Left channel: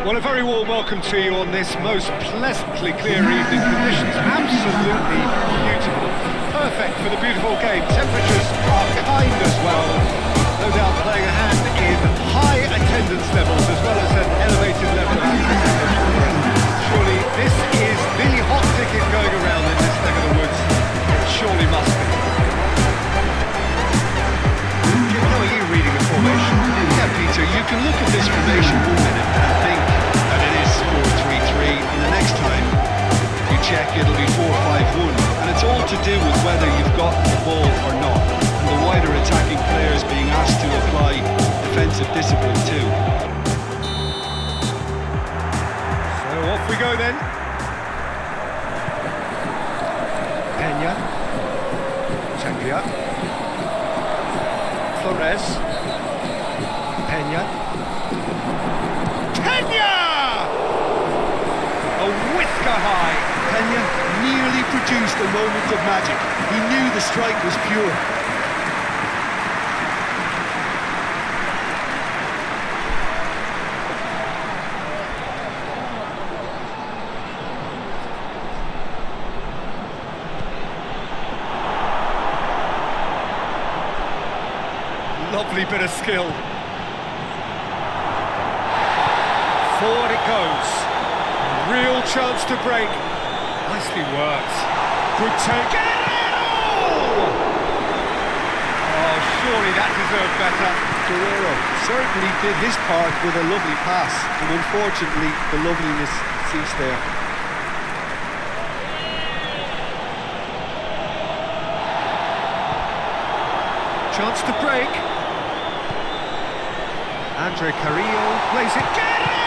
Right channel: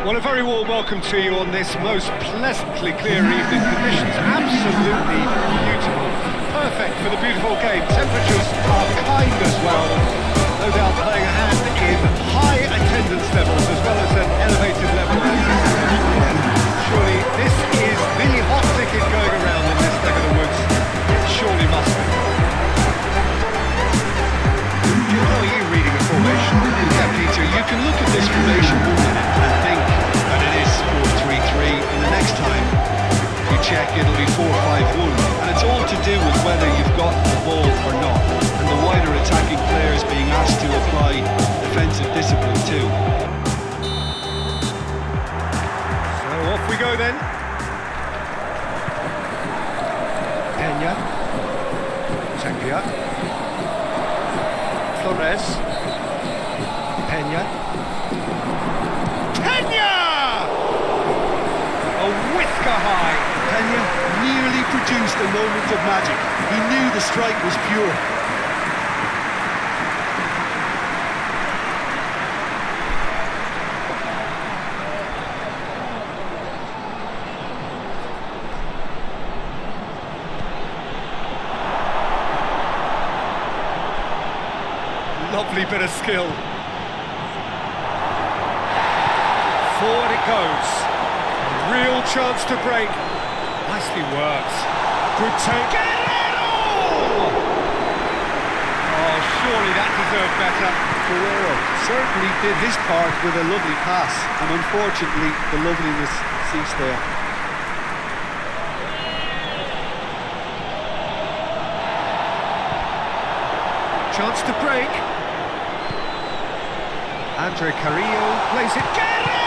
Well, a very warm welcome to you on this most pleasantly clear evening. Conditions absolutely beautiful. Perfect for the beautiful game. Temperatures are kind as well. No doubt playing a hand in high attendance levels as well as an elevated level of anticipation here. Surely this is the hot ticket going around in this neck of the woods. It surely must be. Jim, how are you reading the formation? Yeah, Peter, you can look at this formation 1 minute and think that it is 4-3-3, and the next time you check it'll be 4-5-1, and it's all to do with whether you've got the ball or not, and the wider attacking players being asked to apply defensive discipline too. So off we go then. Peña, Tapia, Flores, Peña, a whisker high. Peña nearly produced a moment of magic. He knew the strike was pure. Lovely bit of skill. Forward it goes. Real chance to break. Nicely worked. Good take. Guerrero! Oh, surely that deserved better. Guerrero certainly did his part with a lovely pass, and unfortunately the loveliness ceased there. Chance to break. Andre Carrillo plays it. Guerrero!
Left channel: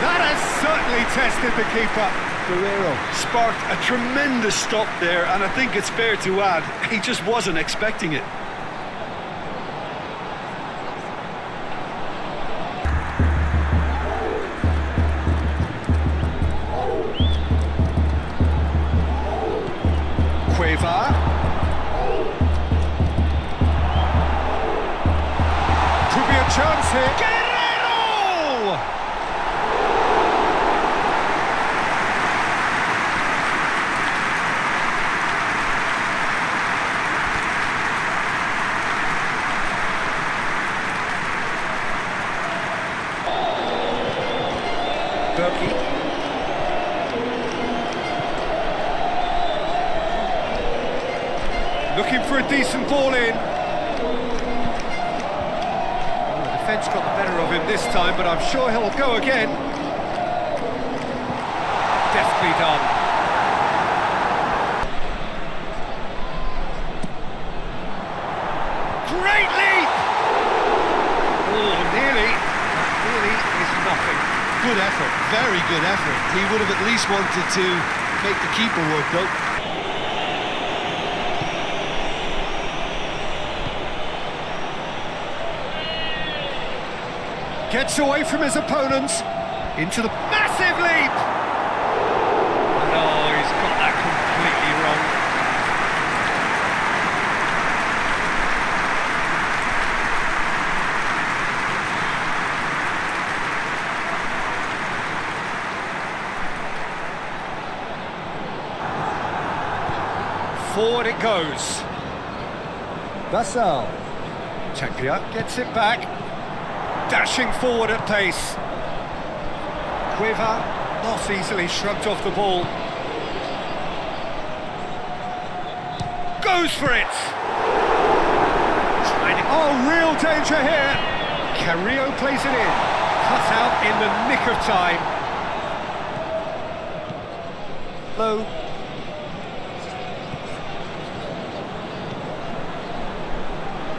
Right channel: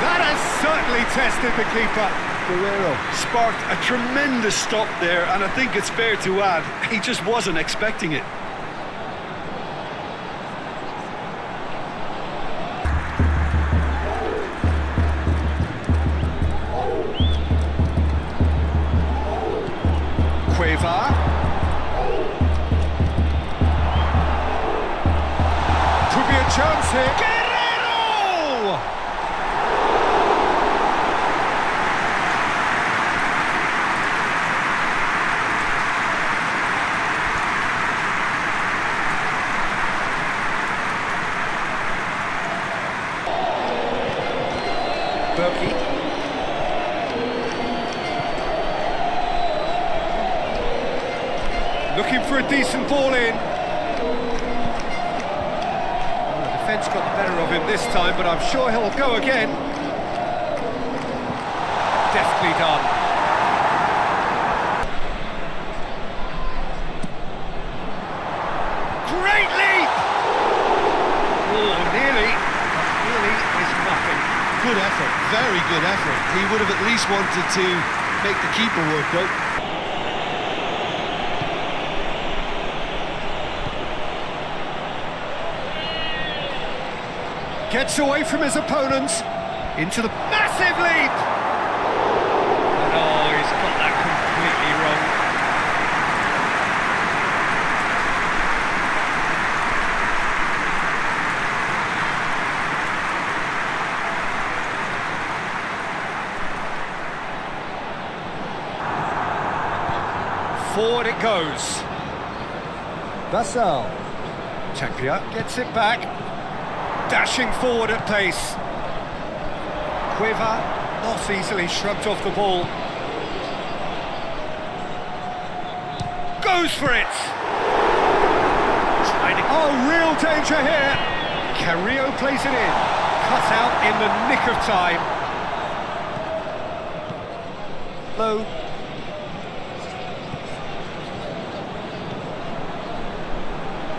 That has certainly tested the keeper. Guerrero sparked a tremendous stop there, and I think it's fair to add, he just wasn't expecting it. Cueva. Could be a chance here. Guerrero! Berkey. Looking for a decent ball in. The defence got the better of him this time, but I'm sure he'll go again. Deftly done. Great leap! Oh, nearly. But nearly is nothing. Good effort, very good effort. He would have at least wanted to make the keeper work though. Gets away from his opponents, into the massive leap! And oh, he's got that completely wrong. Forward it goes. Basal. Tapia gets it back. Dashing forward at pace. Cueva not easily shrugged off the ball. Goes for it! Oh, real danger here! Carrillo plays it in. Cut out in the nick of time. Low.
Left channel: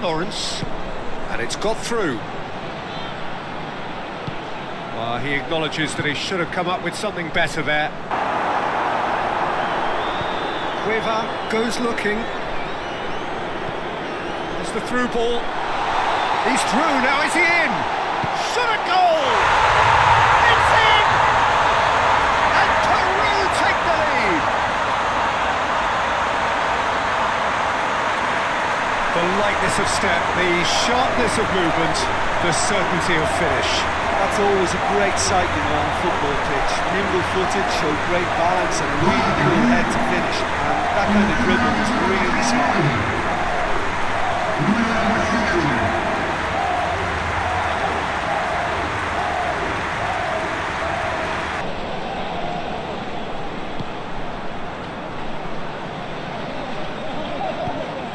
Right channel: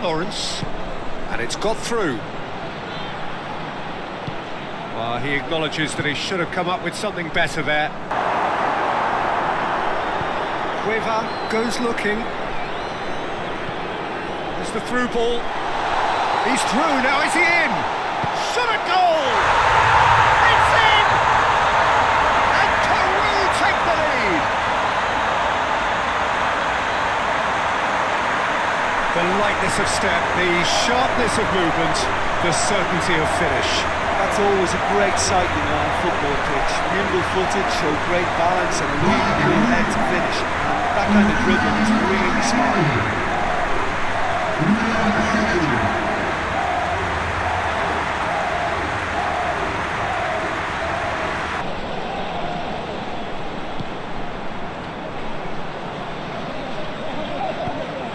Lawrence. And it's got through. Well, he acknowledges that he should have come up with something better there. Cueva goes looking. There's the through ball. He's through, now is he in? Shot a goal! It's in! And Peru take the lead! The lightness of step, the sharpness of movement, the certainty of finish. That's always a great sight, you know, on a football pitch. Nimble-footed, showed great balance and a really cool head to finish. And that kind of dribbling was really smart.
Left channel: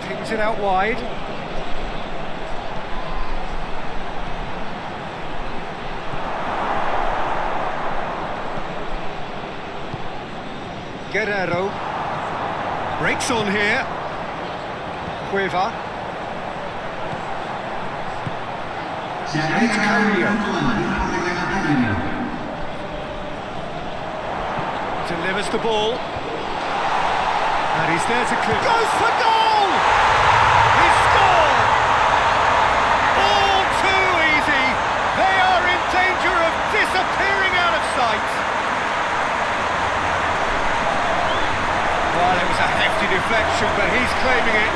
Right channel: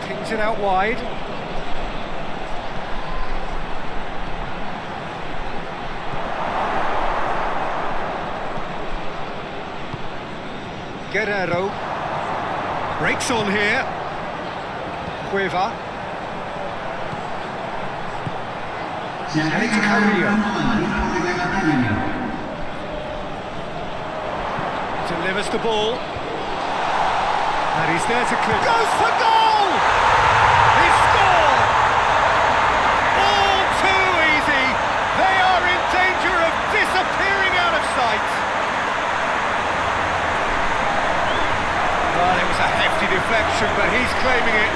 Pings it out wide. Guerrero breaks on here. Cueva. And it's Carrillo. Delivers the ball. And he's there to clear. Goes for goal! He scored! All too easy. They are in danger of disappearing out of sight. Well, it was a hefty deflection, but he's claiming it.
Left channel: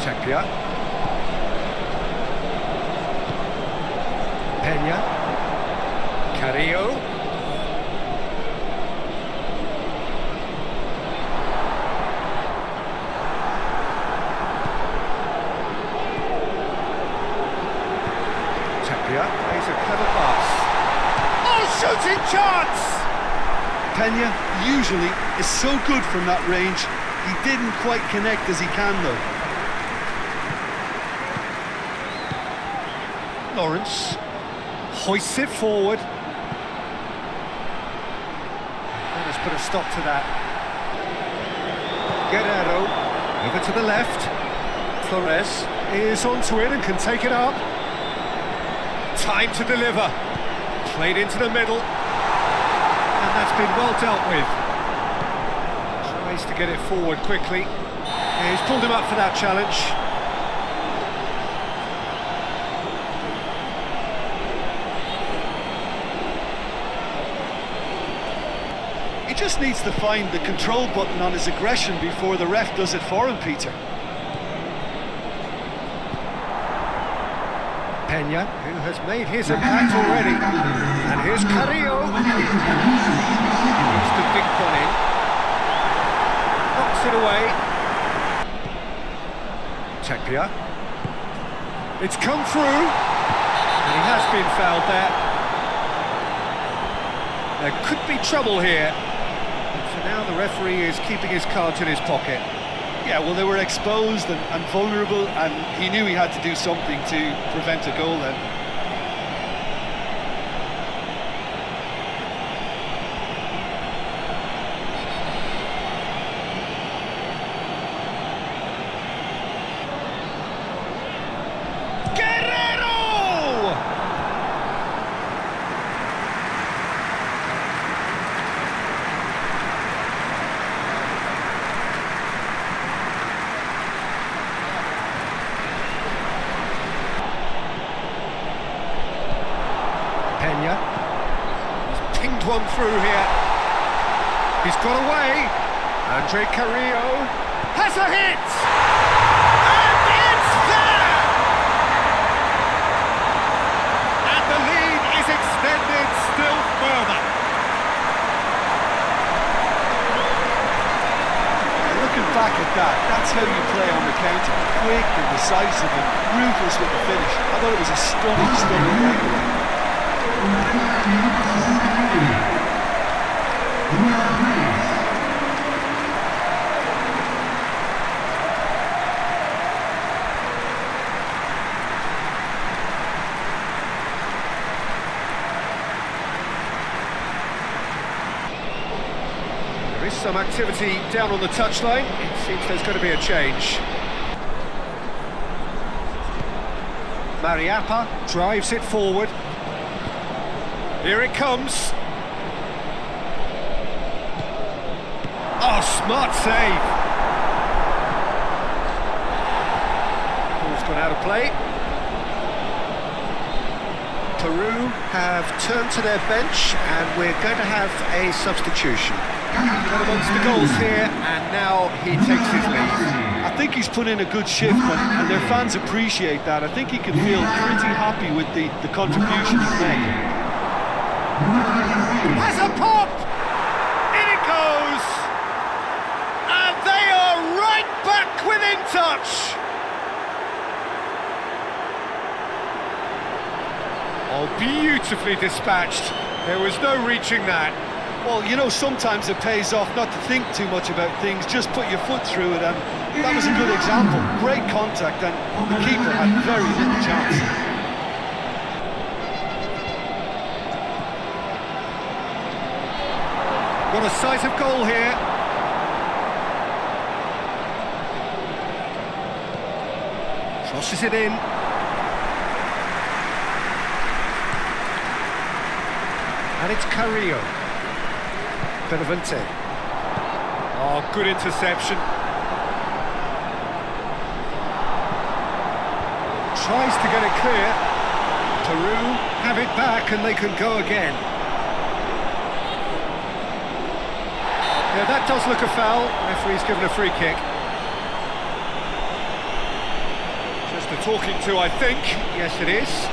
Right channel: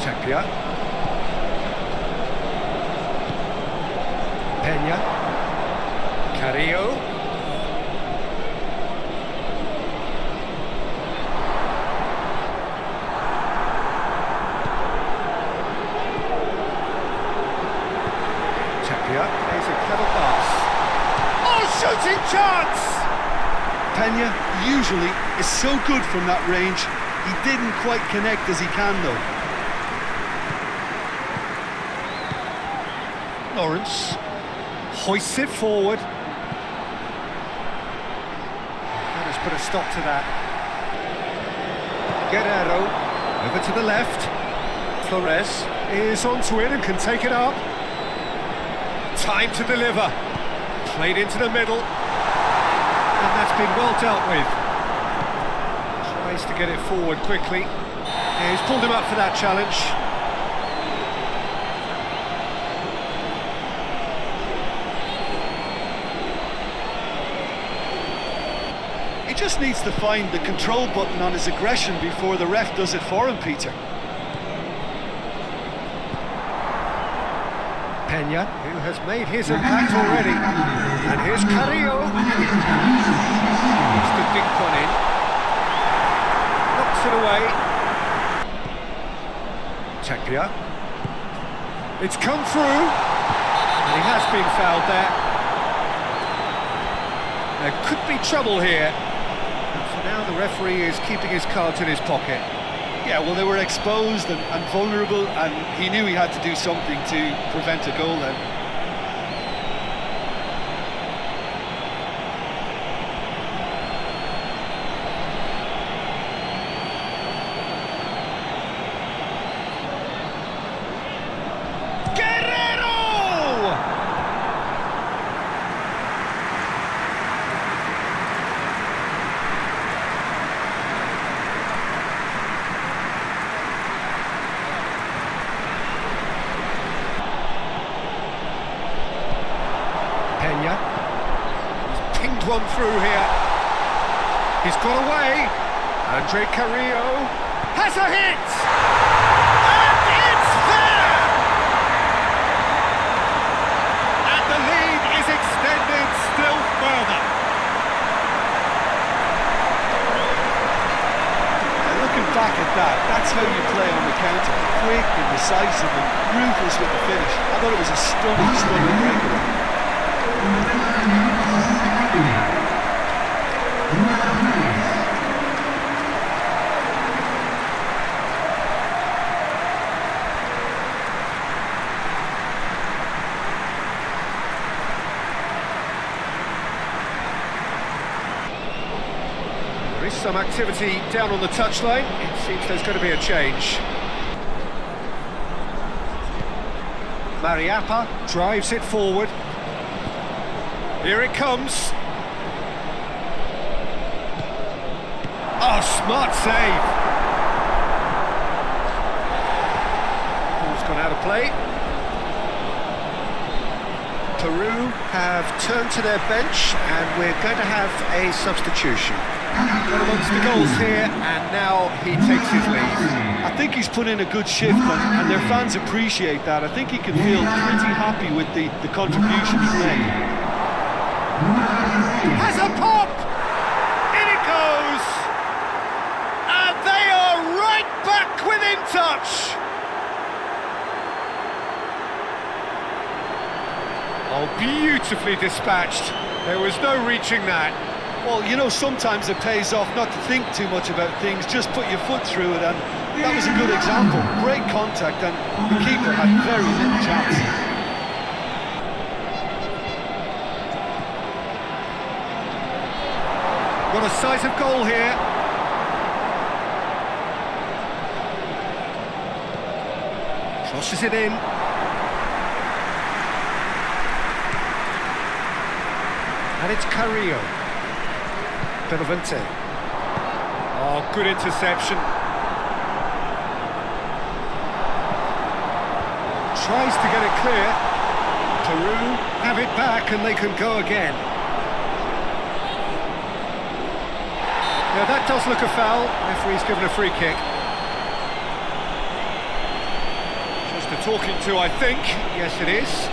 Chapia. Peña. Carrillo. Chapia plays a clever pass. Oh, shooting chance! Peña usually is so good from that range. He didn't quite connect as he can though. Lawrence hoists it forward. That has put a stop to that. Guerrero over to the left. Flores is onto it and can take it up. Time to deliver. Played into the middle. And that's been well dealt with. Tries to get it forward quickly. Yeah, he's pulled him up for that challenge. He just needs to find the control button on his aggression before the ref does it for him, Peter. Peña, who has made his impact already. And here's Carrillo. Wants to dink one in. Knocks it away. Chapia. It's come through. And he has been fouled there. There could be trouble here. And for now, the referee is keeping his cards in his pocket. Yeah, well, they were exposed and vulnerable, and he knew he had to do something to prevent a goal then. Peña. He's pinged one through here. He's got away. Andre Carrillo has a hit! And it's there! And the lead is extended still further. Yeah, looking back at that, that's how you play on the counter. Quick and decisive and ruthless with the finish. I thought it was a stunning breakaway. There There is some activity down on the touchline. It seems there's going to be a change. Mariappa drives it forward. Here it comes. Oh, smart save. Ball's gone out of play. Peru have turned to their bench and we're going to have a substitution. Got amongst the goals here and now he takes his lead. I think he's put in a good shift and their fans appreciate that. I think he can feel pretty happy with the contribution he's made. Has a pop! In it goes! And they are right back within touch! Oh, beautifully dispatched. There was no reaching that. Well, you know, sometimes it pays off not to think too much about things, just put your foot through it, and that was a good example. Great contact, and the keeper had very little chance. Got a sight of goal here. Crosses it in. And it's Carrillo. Benavente. Oh, good interception. Tries to get it clear. Peru have it back and they can go again. Yeah, that does look a foul. Referee's given a free kick. Just a talking to, I think. Yes, it is.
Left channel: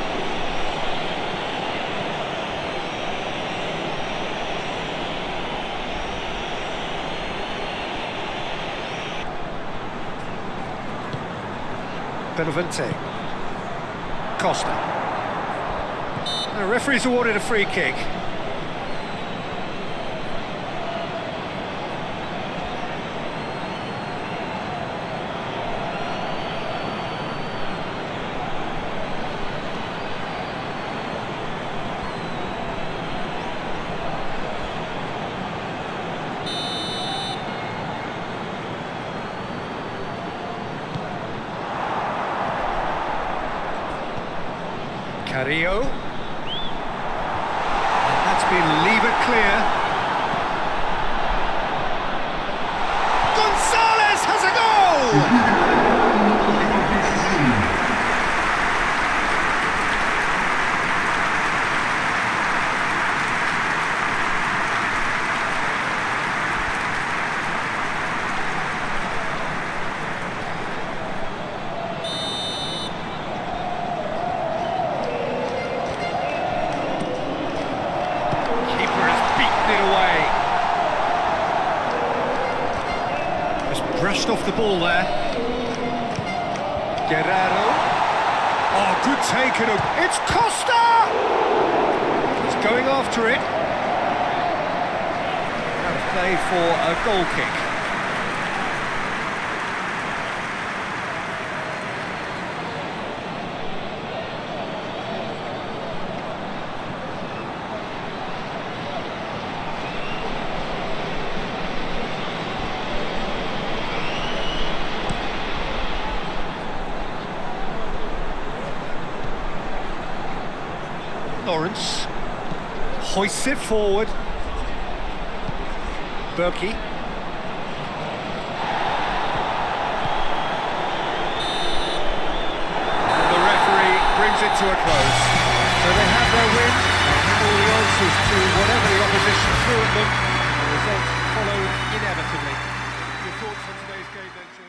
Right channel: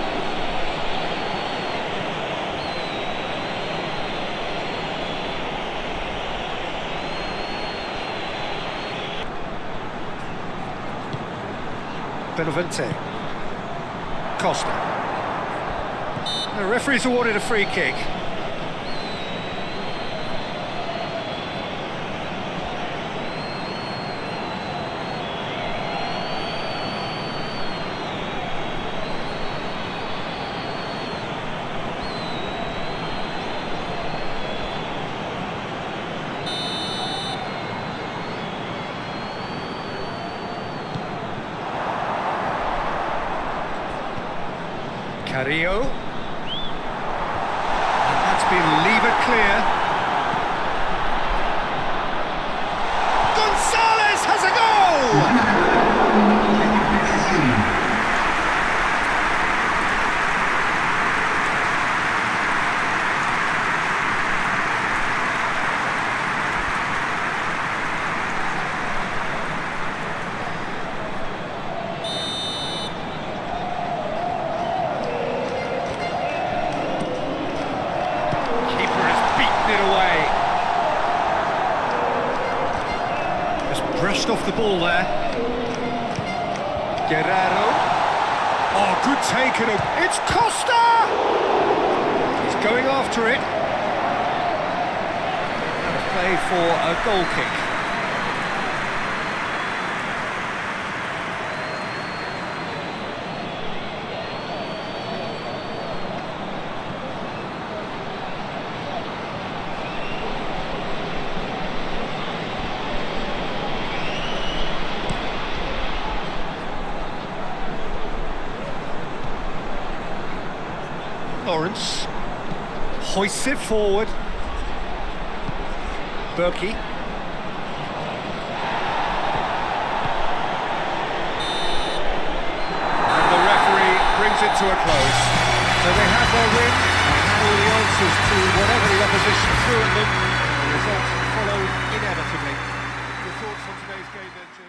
Benavente. Costa. The referee's awarded a free kick. Carrillo. And that's been levered clear. Gonzalez has a goal! It away. Just brushed off the ball there. Guerrero. Oh, good take. It's Costa! He's going after it. Out of play for a goal kick. Lawrence hoists it forward. Berkey. And the referee brings it to a close. So they have their win. They had all the answers to whatever the opposition threw at them. The results followed inevitably. Your thoughts on today's game then, Jim?